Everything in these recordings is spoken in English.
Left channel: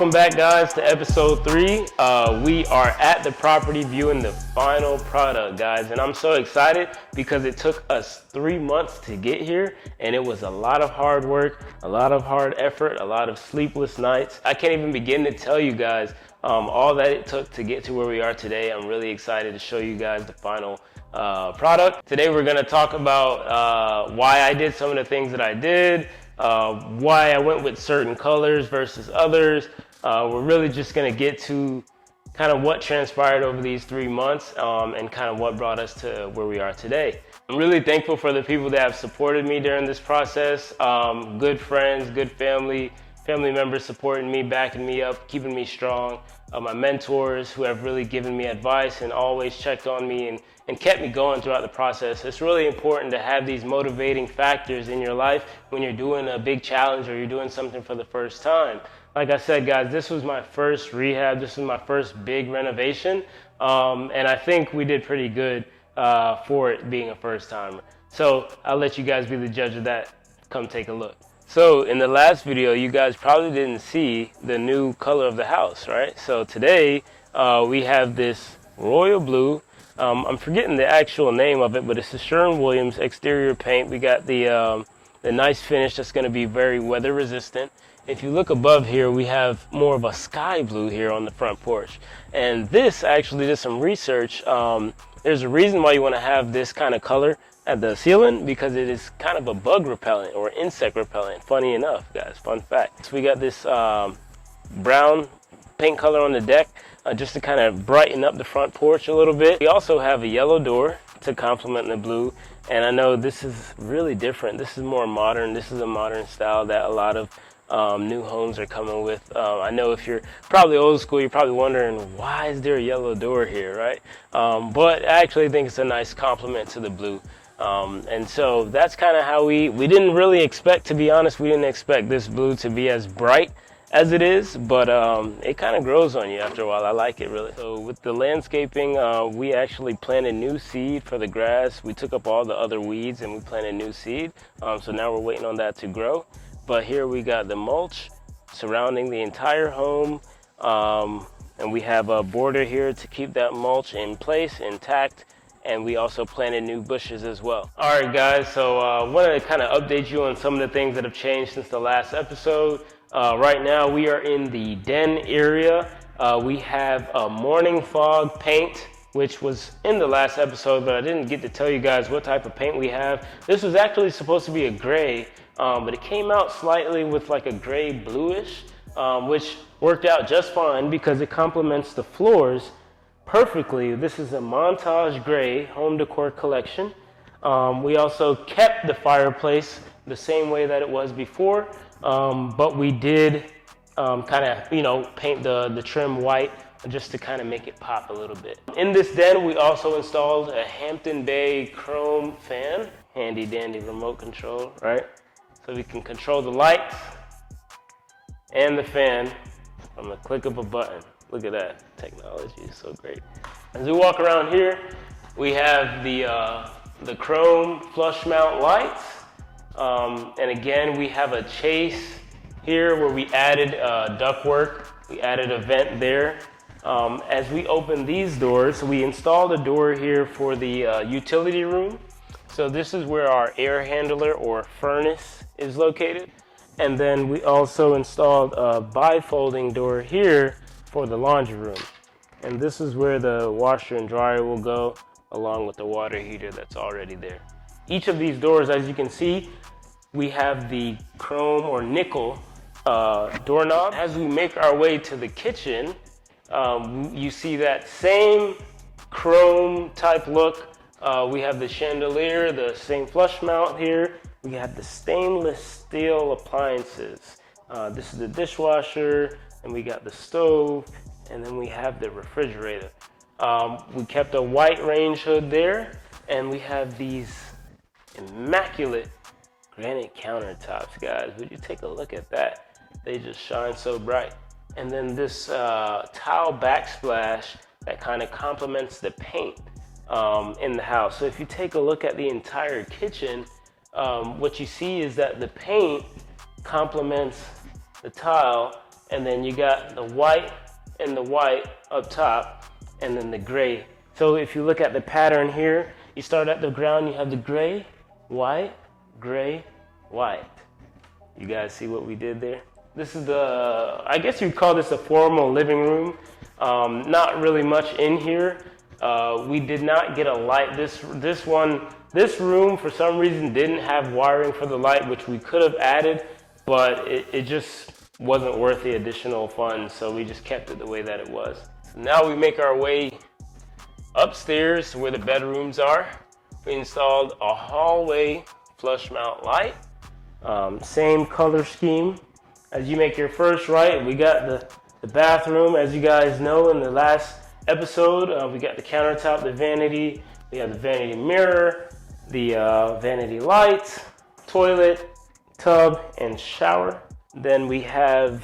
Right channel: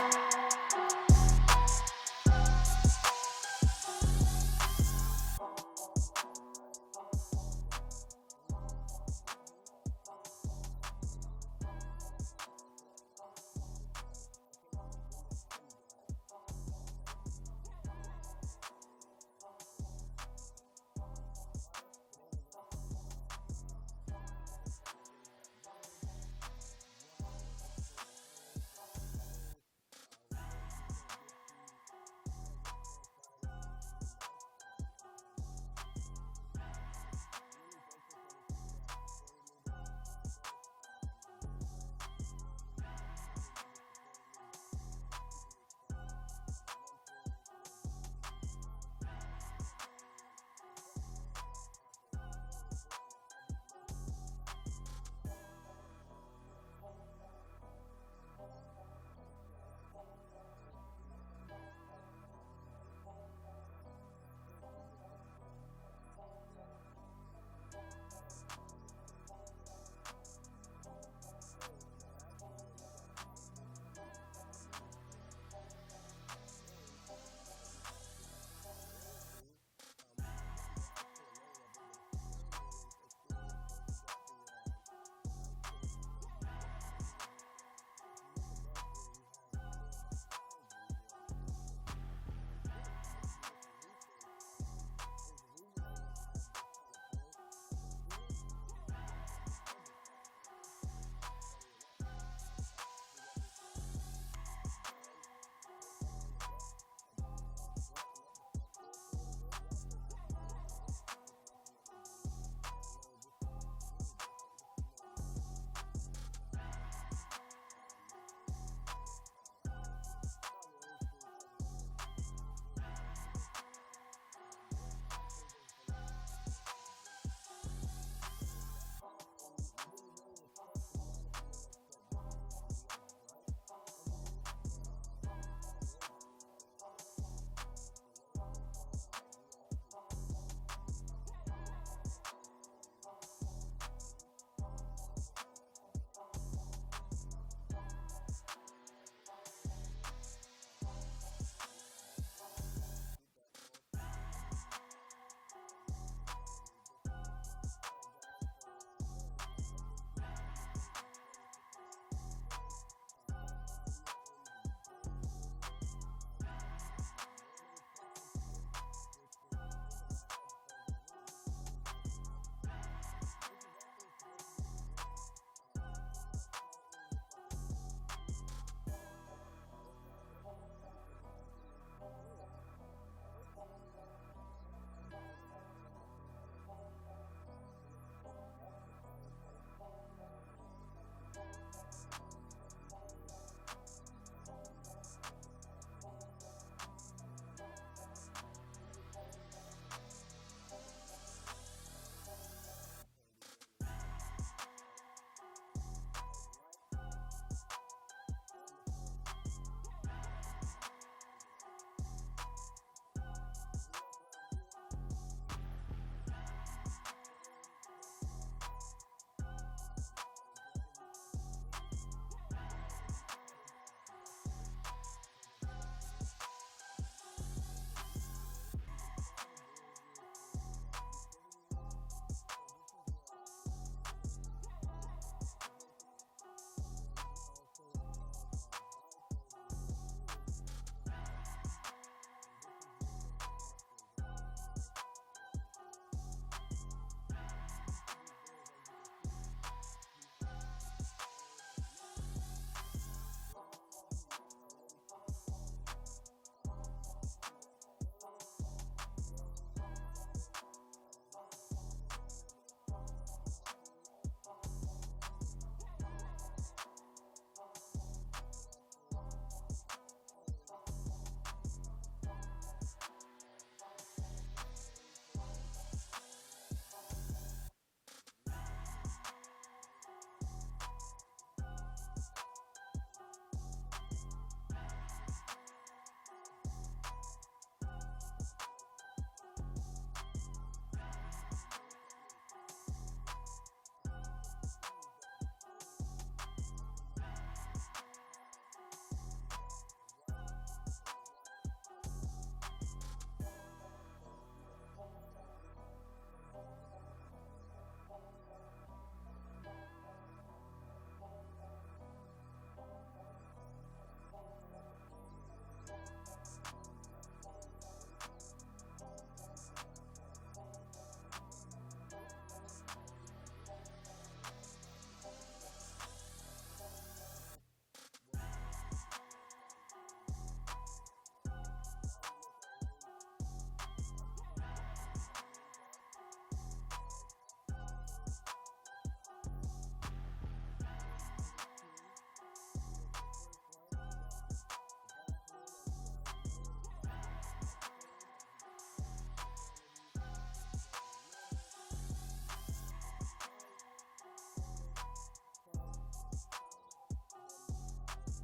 Welcome back, guys, to episode 3. We are at the property viewing the final product, guys, and I'm so excited because it took us 3 months to get here, and it was a lot of hard work, a lot of hard effort, a lot of sleepless nights. I can't even begin to tell you guys all that it took to get to where we are today. I'm really excited to show you guys the final product. Today we're going to talk about why I did some of the things that I did, why I went with certain colors versus others. We're really just going to get to kind of what transpired over these 3 months and kind of what brought us to where we are today. I'm really thankful for the people that have supported me during this process. Good friends, good family members supporting me, backing me up, keeping me strong. My mentors who have really given me advice and always checked on me and kept me going throughout the process. It's really important to have these motivating factors in your life when you're doing a big challenge or you're doing something for the first time. Like I said, guys, this was my first rehab. This was my first big renovation. And I think we did pretty good for it being a first timer. So I'll let you guys be the judge of that. Come take a look. So in the last video, you guys probably didn't see the new color of the house, right? So today we have this royal blue. I'm forgetting the actual name of it, but it's the Sherwin-Williams exterior paint. We got the nice finish that's going to be very weather resistant. If you look above here, we have more of a sky blue here on the front porch. And this, I actually did some research. There's a reason why you want to have this kind of color at the ceiling, because it is kind of a bug repellent or insect repellent. Funny enough, guys, fun fact. So we got this brown paint color on the deck just to kind of brighten up the front porch a little bit. We also have a yellow door to complement the blue. And I know this is really different. This is more modern. This is a modern style that a lot of new homes are coming with. I know if you're probably old school, you're probably wondering, why is there a yellow door here, right? But I actually think it's a nice complement to the blue. And so that's kind of how we didn't really expect, to be honest, we didn't expect this blue to be as bright as it is, but it kind of grows on you after a while. I like it, really. So with the landscaping, we actually planted new seed for the grass. We took up all the other weeds and we planted new seed. So now we're waiting on that to grow. But here we got the mulch surrounding the entire home. And we have a border here to keep that mulch in place, intact. And we also planted new bushes as well. All right, guys, so I wanted to kind of update you on some of the things that have changed since the last episode. Right now, we are in the den area. We have a morning fog paint, which was in the last episode, but I didn't get to tell you guys what type of paint we have. This was actually supposed to be a gray, but it came out slightly with like a gray bluish, which worked out just fine because it complements the floors perfectly. This is a Montage Gray home decor collection. We also kept the fireplace the same way that it was before, but we did kind of, paint the trim white just to kind of make it pop a little bit. In this den, we also installed a Hampton Bay chrome fan, handy dandy remote control, right? So we can control the lights and the fan from the click of a button. Look at that, technology is so great. As we walk around here, we have the chrome flush mount lights. And again, we have a chase here where we added ductwork. We added a vent there. As we open these doors, we installed a door here for the utility room. So this is where our air handler or furnace is located. And then we also installed a bifolding door here for the laundry room. And this is where the washer and dryer will go, along with the water heater that's already there. Each of these doors, as you can see, we have the chrome or nickel doorknob. As we make our way to the kitchen, you see that same chrome type look. We have the chandelier, the same flush mount here. We have the stainless steel appliances. This is the dishwasher, and we got the stove, and then we have the refrigerator. We kept a white range hood there, and we have these immaculate granite countertops, guys. Would you take a look at that? They just shine so bright. And then this tile backsplash that kind of complements the paint in the house. So if you take a look at the entire kitchen, what you see is that the paint complements the tile and then you got the white and the white up top, and then the gray. So if you look at the pattern here, you start at the ground, you have the gray, white, gray, white. You guys see what we did there? This is the, I guess you'd call this a formal living room. Not really much in here. We did not get a light. This room for some reason didn't have wiring for the light, which we could have added, but it just wasn't worth the additional funds, so we just kept it the way that it was. Now we make our way upstairs where the bedrooms are. We installed a hallway flush mount light. Same color scheme. As you make your first right, we got the bathroom. As you guys know, in the last episode, we got the countertop, the vanity, we have the vanity mirror, the vanity light, toilet, tub, and shower. Then we have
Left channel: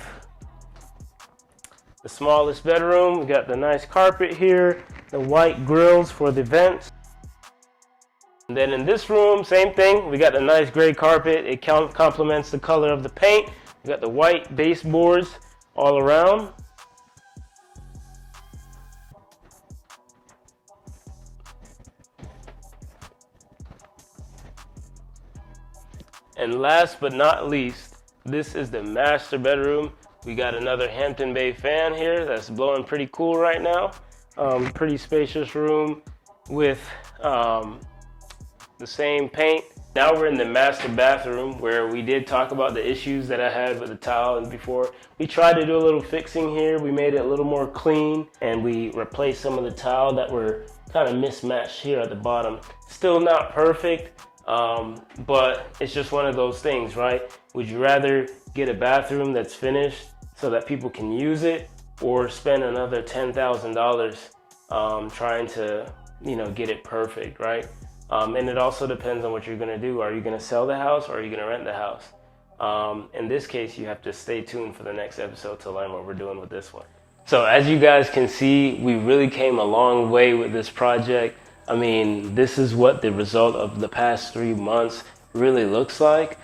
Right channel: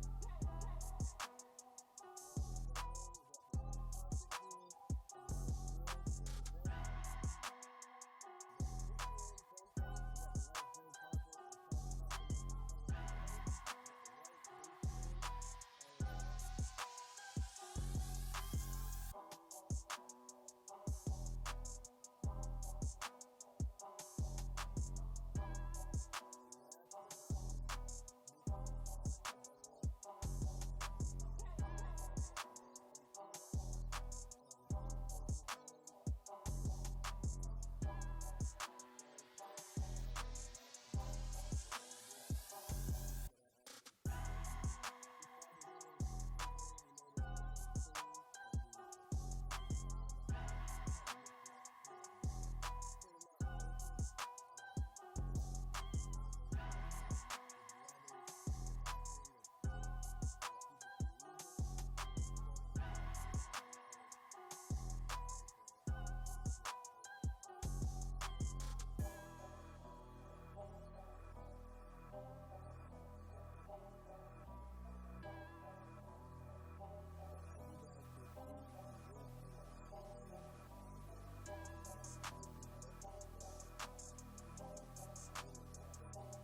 the smallest bedroom. We got the nice carpet here, the white grills for the vents. And then in this room, same thing. We got the nice gray carpet. It complements the color of the paint. We got the white baseboards all around. And last but not least, this is the master bedroom. We got another Hampton Bay fan here that's blowing pretty cool right now. Pretty spacious room with the same paint. Now we're in the master bathroom, where we did talk about the issues that I had with the tile before. We tried to do a little fixing here. We made it a little more clean, and we replaced some of the tile that were kind of mismatched here at the bottom. Still not perfect, but it's just one of those things, right? Would you rather get a bathroom that's finished so that people can use it, or spend another $10,000 trying to, get it perfect, right? And it also depends on what you're gonna do. Are you gonna sell the house, or are you gonna rent the house? In this case, you have to stay tuned for the next episode to learn what we're doing with this one. So as you guys can see, we really came a long way with this project. I mean, this is what the result of the past 3 months really looks like.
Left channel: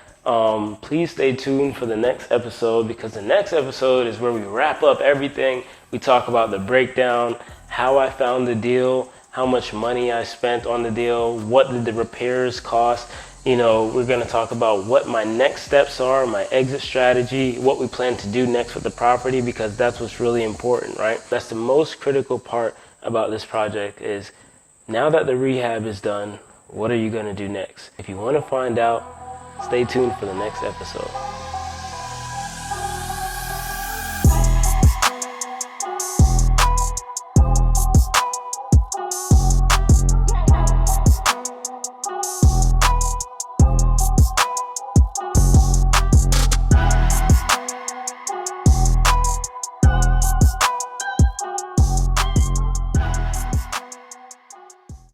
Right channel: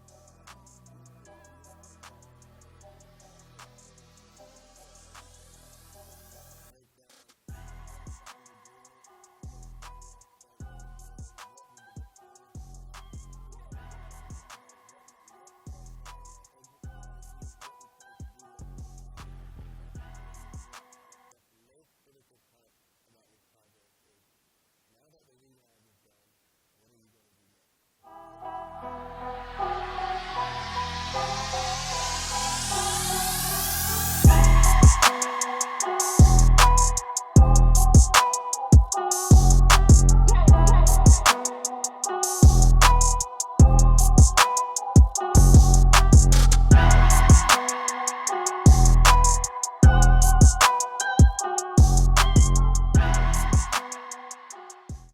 Please stay tuned for the next episode, because the next episode is where we wrap up everything. We talk about the breakdown, how I found the deal, how much money I spent on the deal, what did the repairs cost. We're gonna talk about what my next steps are, my exit strategy, what we plan to do next with the property, because that's what's really important, right? That's the most critical part about this project is, now that the rehab is done, what are you gonna do next? If you wanna find out, stay tuned for the next episode.